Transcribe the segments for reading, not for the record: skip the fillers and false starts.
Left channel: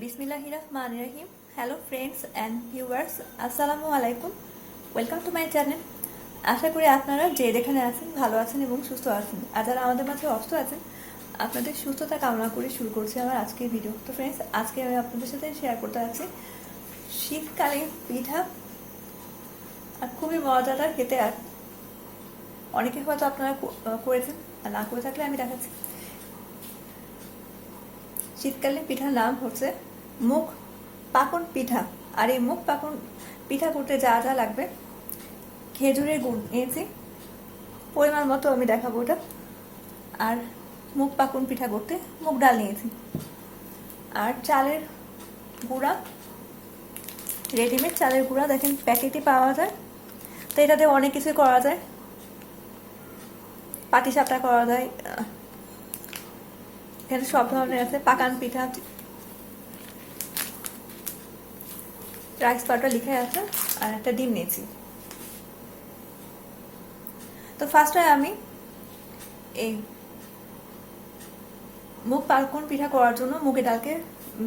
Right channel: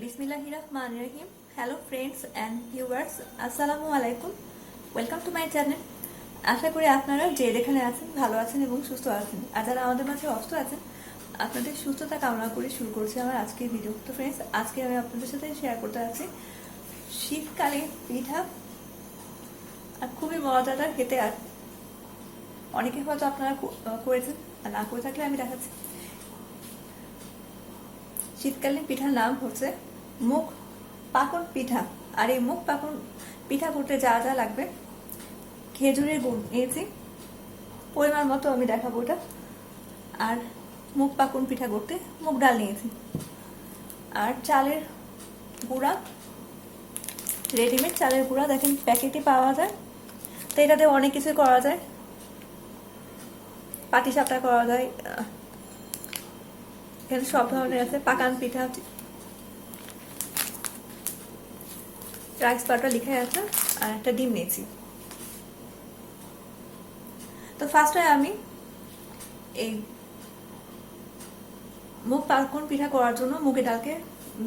Bismillahir Rahmanir Rahim. Hello friends and viewers, আসসালামু আলাইকুম। Welcome to my channel. আশা করি আপনারা যে যেখানে আছেন ভালো আছেন এবং সুস্থ আছেন। আর যারা আমাদের মাঝে অসুস্থ আছেন আপনাদের সুস্থতা কামনা করে শুরু করছি আমার আজকের ভিডিও। তো ফ্রেন্ডস, আজকে আমি আপনাদের সাথে শেয়ার করতে যাচ্ছি শীতকালে পিঠা, আর খুবই মজাদার খেতে। আর অনেকে হয়তো আপনারা করেছেন, আর না করে থাকলে আমি দেখাচ্ছি। শীতকালীন পিঠার নাম হচ্ছে মুগ পাকন পিঠা। আর এই মুগ পাকন পিঠা করতে যা যা লাগবে, খেজুরের গুড় নিয়েছি পরিমাণ মতো, আমি দেখাবো ওটা। আর মুগ পাকন পিঠা করতে মুগ ডাল নিয়েছি, আর চালের গুঁড়া, রেডিমেড চালের গুঁড়া দেখেন প্যাকেটে পাওয়া যায়। তো এটাতে অনেক কিছু করা যায়, পাটিসাপটা করা যায়, এখানে সব ধরনের আছে। পাকান পিঠা, রাইস পাউডার লিখে আছে, আর একটা ডিম নিয়েছি। তো ফার্স্টে আমি এই মুগ পাকন পিঠা করার জন্য মুগের ডালকে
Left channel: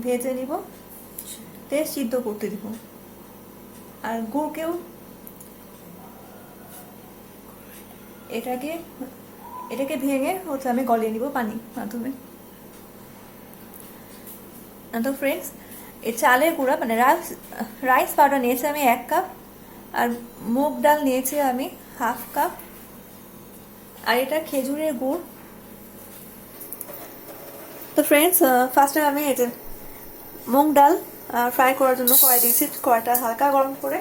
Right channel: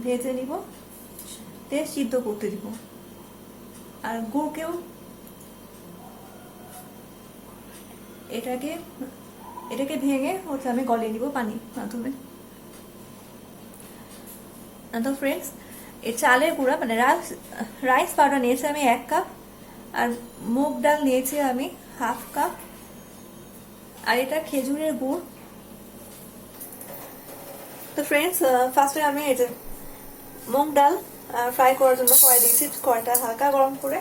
ভেজে নিব, সিদ্ধ করতে দিব। আর গুড়কেও এটাকে ভেঙে হচ্ছে আমি গলিয়ে নিব পানির মাধ্যমে। তো ফ্রেন্ডস, এই চালের গুঁড়া মানে রাইস পাউডার নিয়েছি আমি 1 কাপ, আর মুগ ডাল নিয়েছি আমি 1/2 কাপ, আর এটা খেজুরের গুড়। তো ফ্রেন্ডস, ফার্স্টে আমি এই যে মুগ ডাল ফ্রাই করার জন্য কড়াই দিয়েছি, কড়াইটা হালকা গরম করে।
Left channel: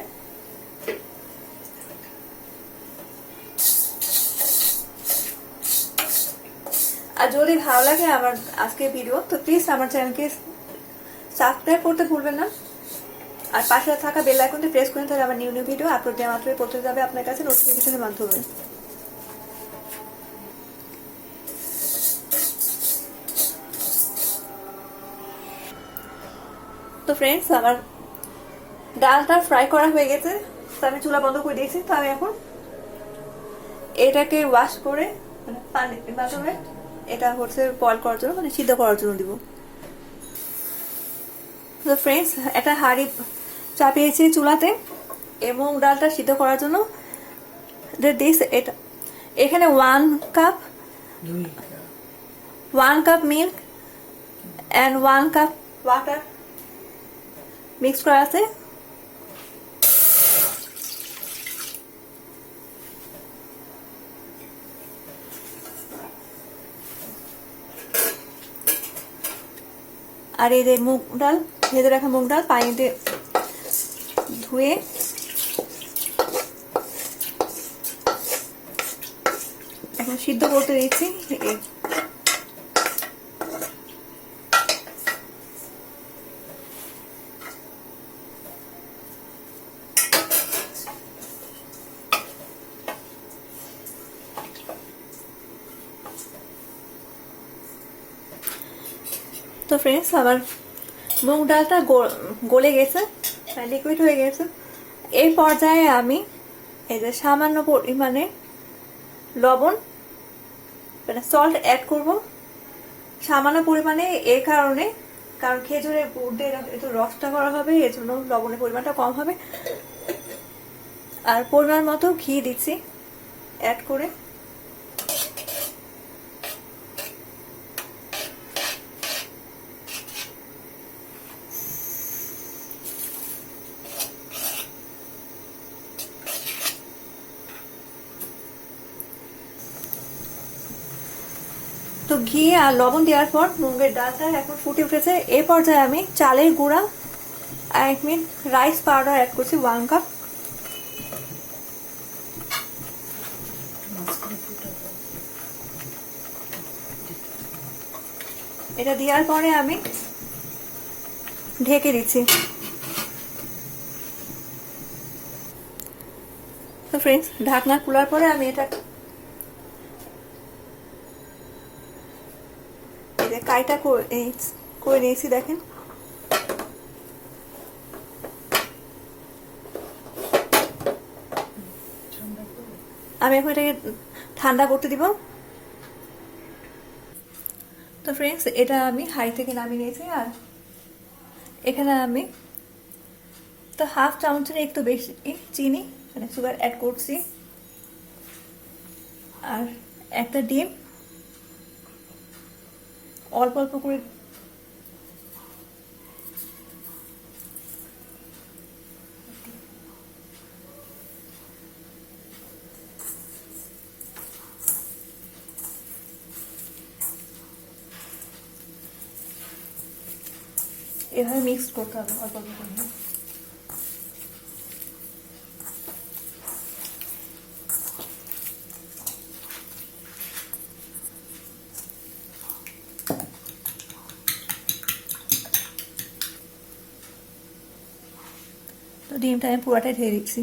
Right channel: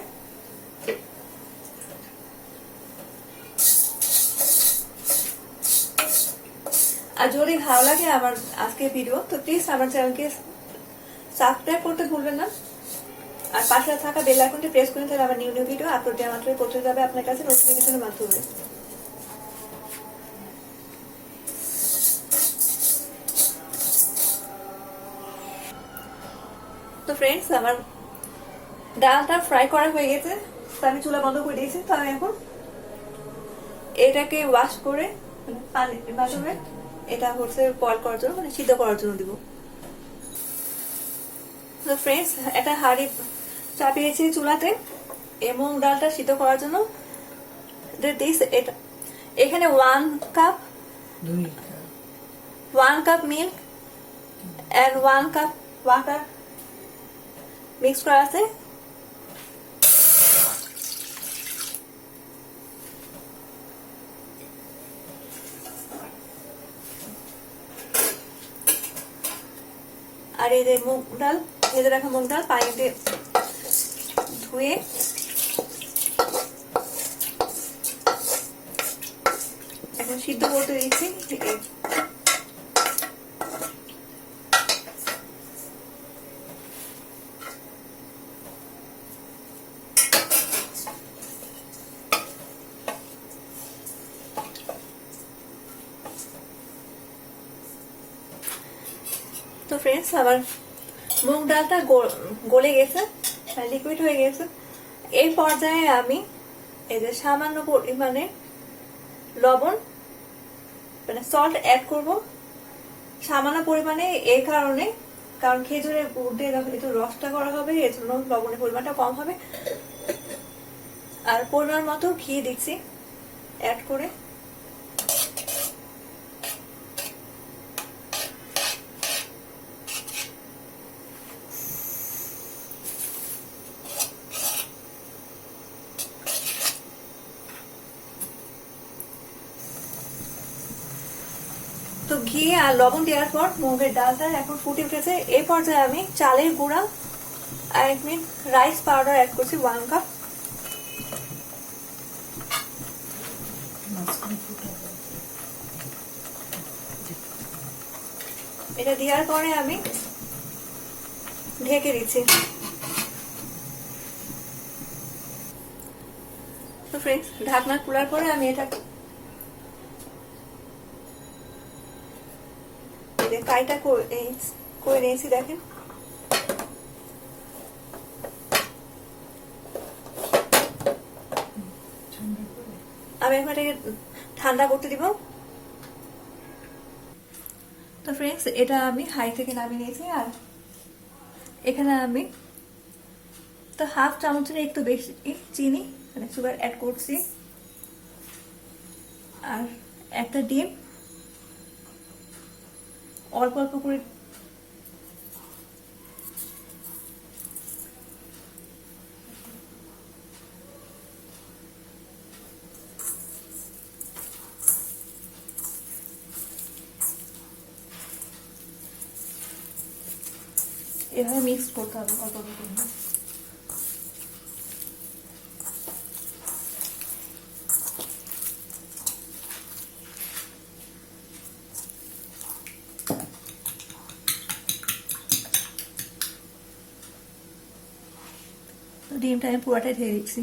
আর যদি ভালো লাগে আমার আজকের ভিডিও, তো প্লিজ আমার চ্যানেলকে সাবস্ক্রাইব করতে ভুলবেন না, আর পাশে থাকা বেল আইকনটি প্রেস করে তাহলে আমার নিউ ভিডিও আপলোড দেওয়া মাত্রই পৌঁছে যাবে আপনার কাছে নোটিফিকেশনের মাধ্যমে। তো ফ্রেন্ডস, আমার ডালটা ফ্রাই করা হয়ে গেছে, তো আমি চুলা বন্ধ করে দিয়েছি। তো আমি এখন এটাকে ওয়াশ করে পানির মাধ্যমে এটা হচ্ছে বয়েল করার জন্য, মানে সিদ্ধ করার জন্য দিব। তো ফ্রেন্ডস, একটা হাঁড়ি চাপিয়েছি চুলাতে এবং ডালটা সিদ্ধ করার জন্য এটা এখানে 1 cup milk and 1 cup water mix করা আছে। আর এই যে মুগ ডাল, ভেজে রাখা মুগ ডাল পানিতে ধুয়ে এখন সিদ্ধ করতে দিচ্ছি। তো ফ্রেন্ডস, আবার মুগ ডালটা গলে গেছে, লিকুইড হয়ে গেছে। এই পর্যায়ে আমি এই যে সামান্য পরিমাণে লবণ মানে সল্ট অ্যাড করব, সামান্য পরিমাণে। এই কারণে কারণ খেজুরের গুড় দিয়ে একটু রসটা করা হবে, এর জন্য লবণের পরিমাণটা কম হবে। আর পরিমাণ মতো ঘি দিচ্ছি অ্যাড করে। তো ঘি আর লবণ দেওয়ার পর মুগের ডালটা এখন ফুটে উঠেছে। এই পর্যায়ে আমি চালের গুঁড়া আর 1 মিনিট রাইস পাউডার অ্যাড করছি 1 কাপ। এটা দেওয়ার পরে আমি ঢেকে দিচ্ছি। তো ফ্রেন্ডস, ঢাকনা খোলার পরে আমি এটা কাইটা করে নিয়েছি দেখেন। আমি এখন এটাকে ঠান্ডা করতে দিব। তো ফ্রেন্ডস, এটা আমি হাই থেকে নামিয়ে নিয়েছি, আর এখানে আমি তো হাফ চামচের একটু বেশি চিনি মানে সুগার অ্যাড করছি, আর একটা ডিম অল্প অল্প করে এভাবে মিক্স করতে হবে অল্প অল্প করে। তো ডিমটা আমি পুরাটাই দিয়ে দিচ্ছি।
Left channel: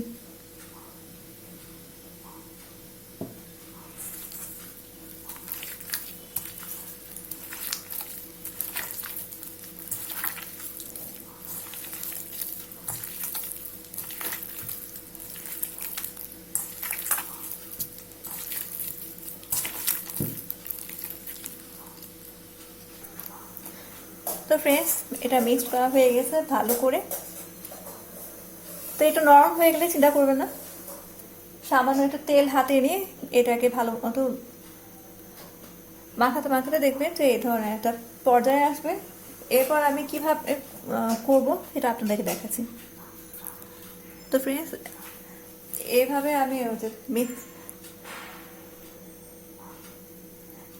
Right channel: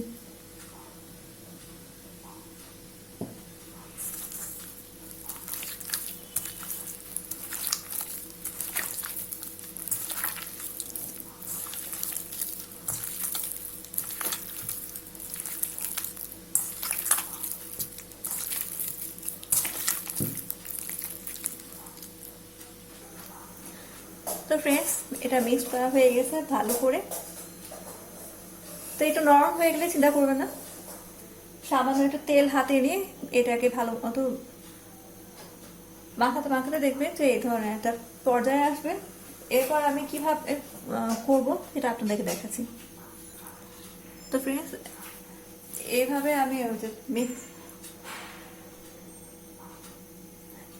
তো ফ্রেন্ডস, এটা মিক্স করা হয়ে গেছে ভালো করে। তো এটা নরম হয়ে গেলে চিন্তা করবে না, সামান্য একটু তেল হাতে নিয়ে এটাকে ভালো মতো মাখাতে মাখাতে দেখবেন যে এই ধরনের একটা পর্যায়ে আসবে। এরপর আমি কিভাবে করবো সেটা আপনাদেরকে দেখাচ্ছি। তো ফ্রেন্ডস, এভাবে আমি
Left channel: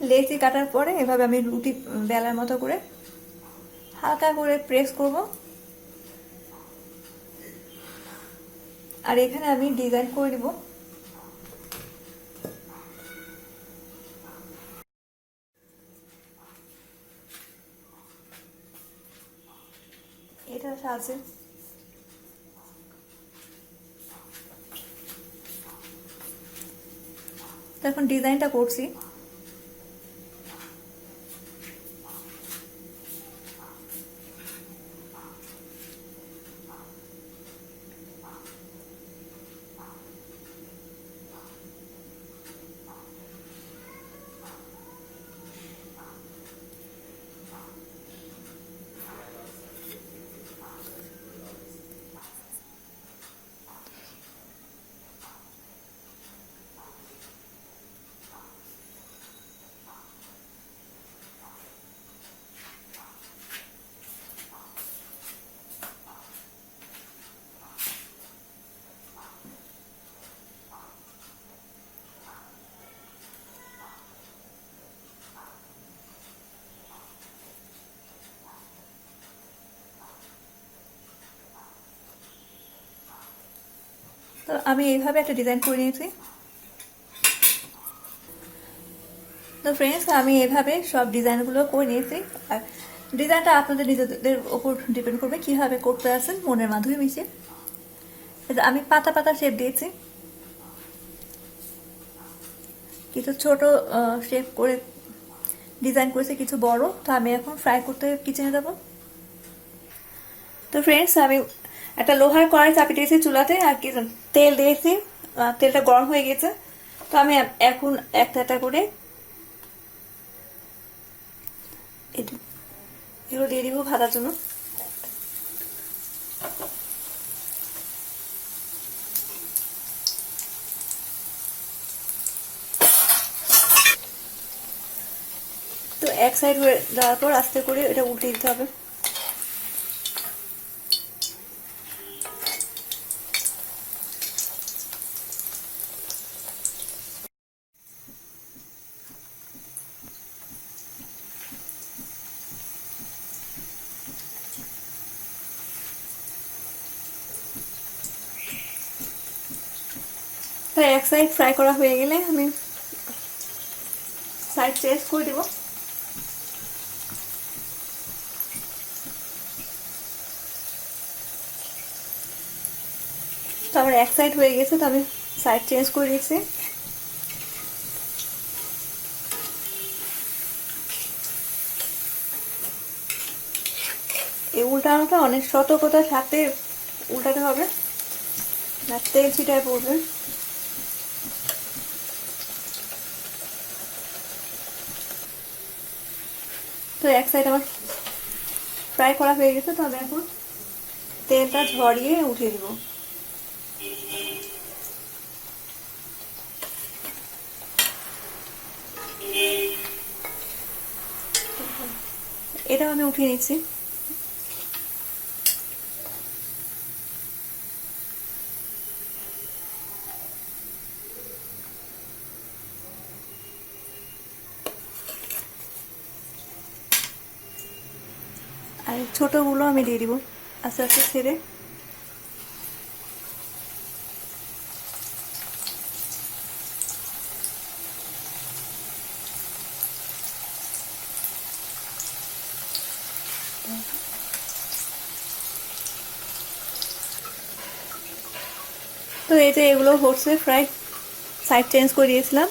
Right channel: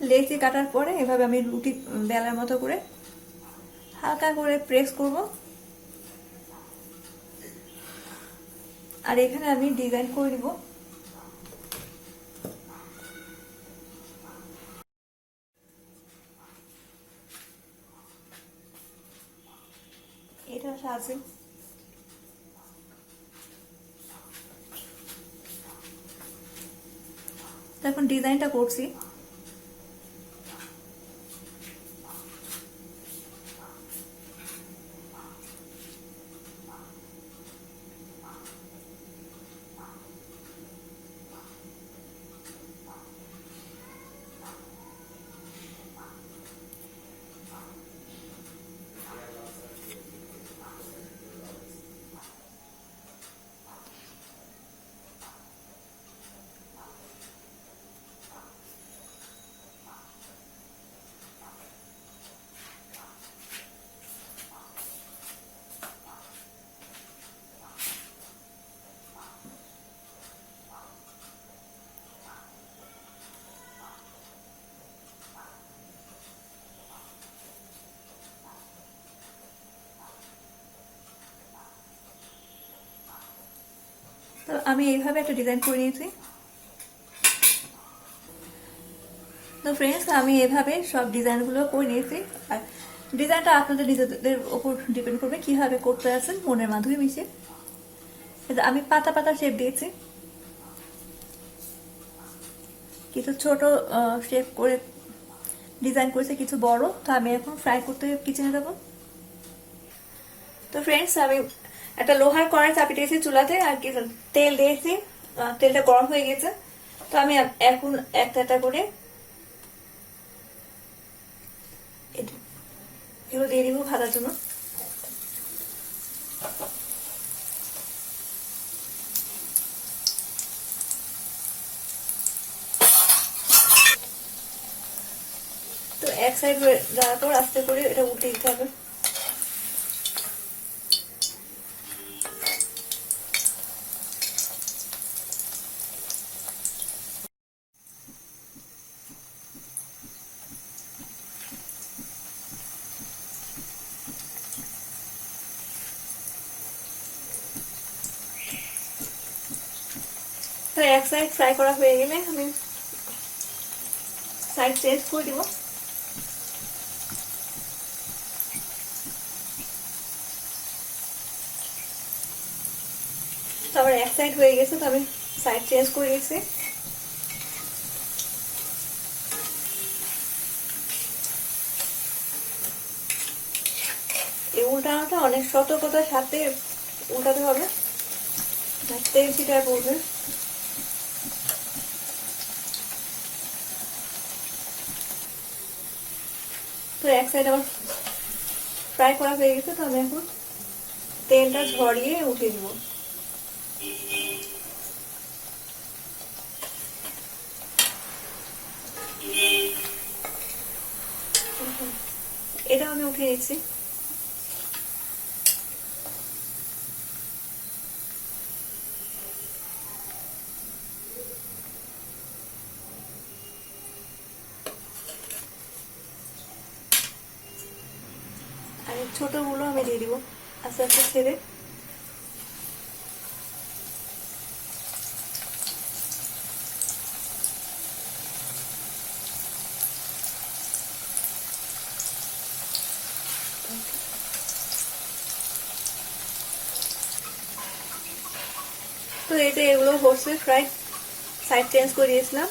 লেচি কাটার পরে এভাবে আমি রুটি বেলার মতো করে হালকা করে প্রেস করব, আর এখানে আমি ডিজাইন করে দিব। এটা আছে এখন ডিজাইনটা করছি। তো আমি এইভাবে একটা ডিজাইন করে নিয়েছি। তো ফ্রেন্ডস, আমি এভাবে সব ডিজাইনগুলো করে নিয়েছি, আর ডিজাইনটা আপনাদের নিজেদের উপর ডিপেন্ড করবে কিভাবে করতে আছেন মনের মাধ্যমে মিশে। আমি পাতা পাতা শেপ দিয়েছি, কিছু ছোট শেপ করে ডিজাইন করেছি, কিছু বড়। তো আমি এখন ফ্রাই করতে কিচেনে যাবো। তো ফ্রেন্ডস, আমি একটা লোহার কড়াই চাপিয়ে দিয়েছি চুলাতে, আর কি তেল দিয়েছি, তেলটা গরম হয়ে গেছে। তো আমি এখন একটা একটা করে এগুলো দিয়ে দিব ভাজার জন্য। তো এক সাইড হয়ে যাওয়ার পর আস্তে করে এটা উল্টে দিতে হবে। এক সাইড ফ্রাই করা হয়ে গেলে আমি সাইড চেঞ্জ করে দিব। তো আমার এক সাইড হয়ে গেছে, তো আমি সাইড চেঞ্জ করে দিচ্ছি। এই উল্টানোটা অনেক সতর্কতার সাথে উল্টাতে হবে, না তেল ছিটায় পড়বে। তো এক সাইড আমার ফ্রাই করা হয়ে গেছে, তবে এখন তেলটা ঝরিয়ে উঠিয়ে দিব। এটাও আমি উঠিয়ে নিচ্ছি। আর ছোটগুলো আমি দিয়ে দিব আস্তে আস্তে ছেড়ে। তো এই যে এগুলো হচ্ছে ফ্রাই, সাইড চেঞ্জ করে দিয়েছিলাম।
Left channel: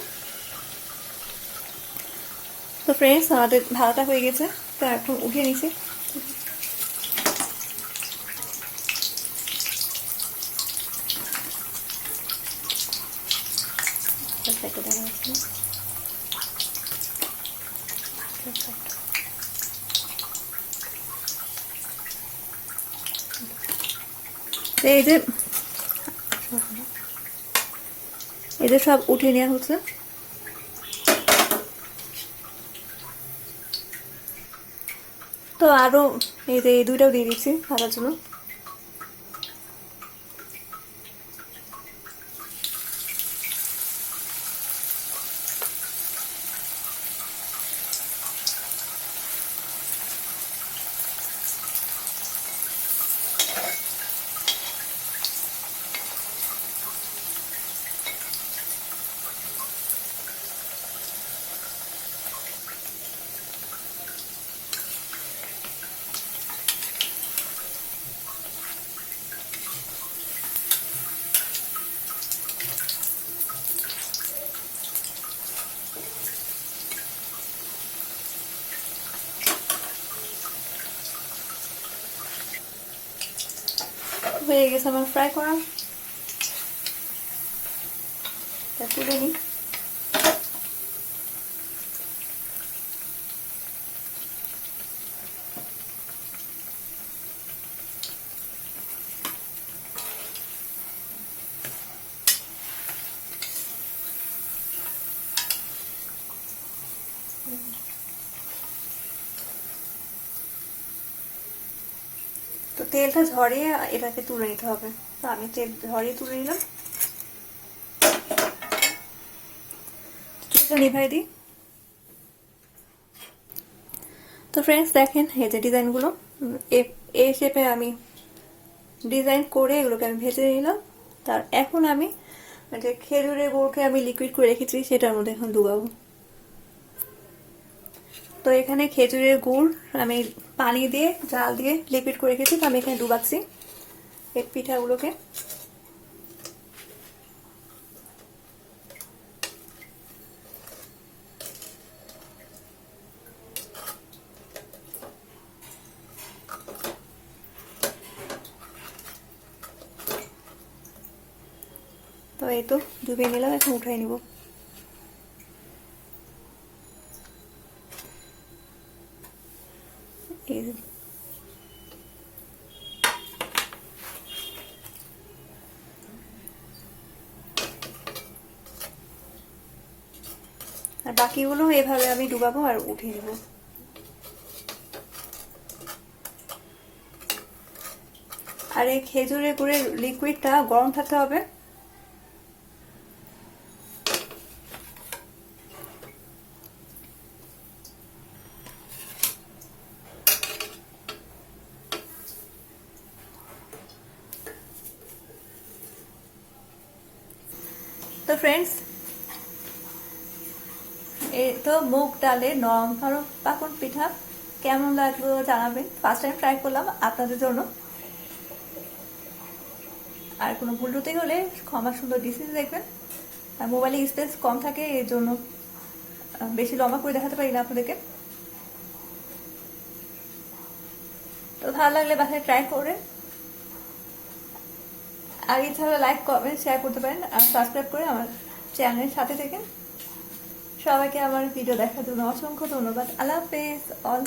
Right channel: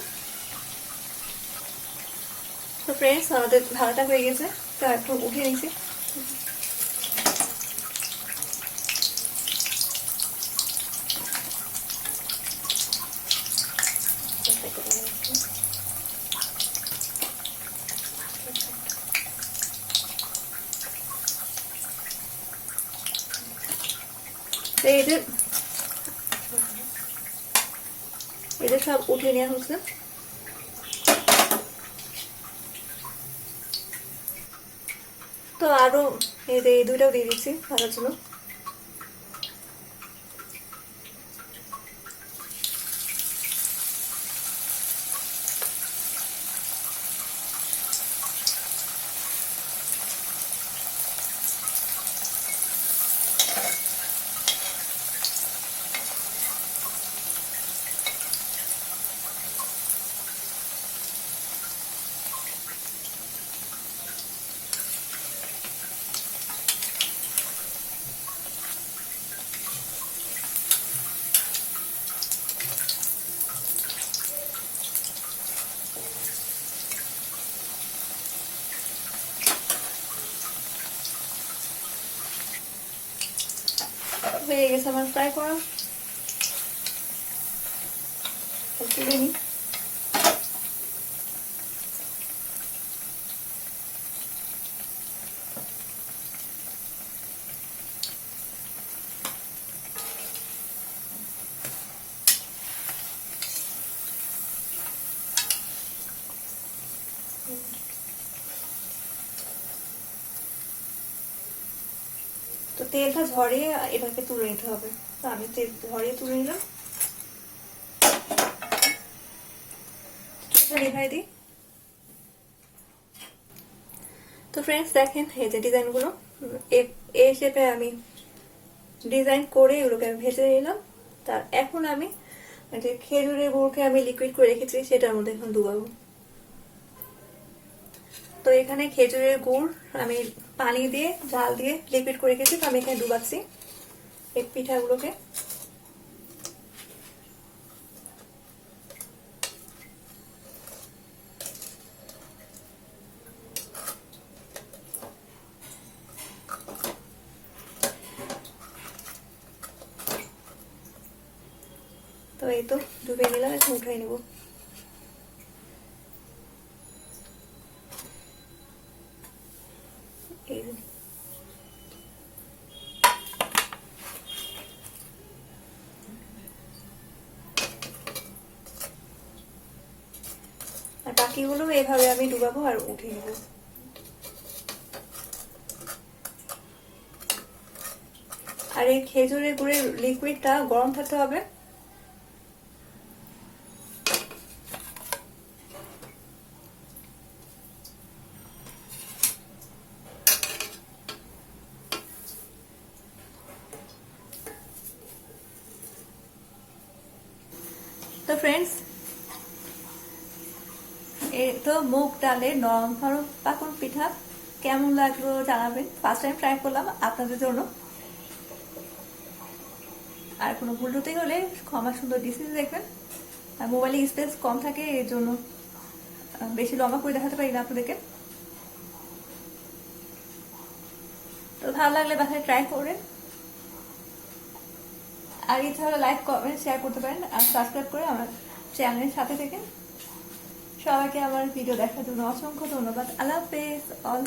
তো ফ্রেন্ডস, আমাদের ভাজাটা হয়ে গেছে, তো একটু উঠিয়ে নিচ্ছি। এই যে সব উঠিয়ে নেওয়া হচ্ছে। তো আরো এই যে এই দুইটাও দিয়ে দিচ্ছি ভাজার জন্য। হয়ে গেছে আমার ফ্রাই করা। তুলে নিই। তো তেলটা ঝরিয়ে এটাকে তুলে নিতে হবে। তো আমি তেল ঝরিয়ে তুলে নিলাম। নিভাই দিই। তো ফ্রেন্ডস দেখেন, এই যে ডিজাইনগুলো এই শেপে আমি ডিজাইন করে এগুলোকে আমি ভেজে নিলাম। তার এখন আমি যে খেজুরের গুড়কে আমি লিকুইড করে রেখেছি সেটার মধ্যে এখন ডুবাবো। তো এখানে খেজুরের গুড় আমি পানি দিয়ে জাল দিয়ে লিকুইড করে রেখেছি, তো আমি এখানে ডুবাচ্ছি এই পিঠাগুলোকে। তো এই তো ডুবিয়ে নিলাম, এখন উঠাই নিব। আর বাকিগুলো এভাবে আমি ডুবাবো আর উঠে নেব। আর এই খেজুরের গুড়ের লিকুইডটা গরম থাকতে হবে। তো ফ্রেন্ডস, এই তো মুগ ডালের নরম নরম পাকন পিঠা কেমন লাগলো জানাবেন। ফার্স্ট টাইম ট্রাই করলাম আপনাদের জন্য। আর কোনো ভুল ত্রুটি হলে ক্ষমা সুন্দর দৃষ্টিতে দেখবেন। আর মোবাইলে স্পেস কম থাকে, এর জন্য বেশি লম্বা করে দেখাতে পারি না আপনাদেরকে। তো ভালো লাগলে বাসায় ট্রাই করে, আর ইচ্ছা হলে লাইক কমেন্ট শেয়ার করতে পারেন, আর সাবস্ক্রাইব করে আমার চ্যানেলের সাথে থেকে। সবাইকে আমার ভিডিও দেখার জন্য অসংখ্য ধন্যবাদ। আল্লাহ হাফেজ অল।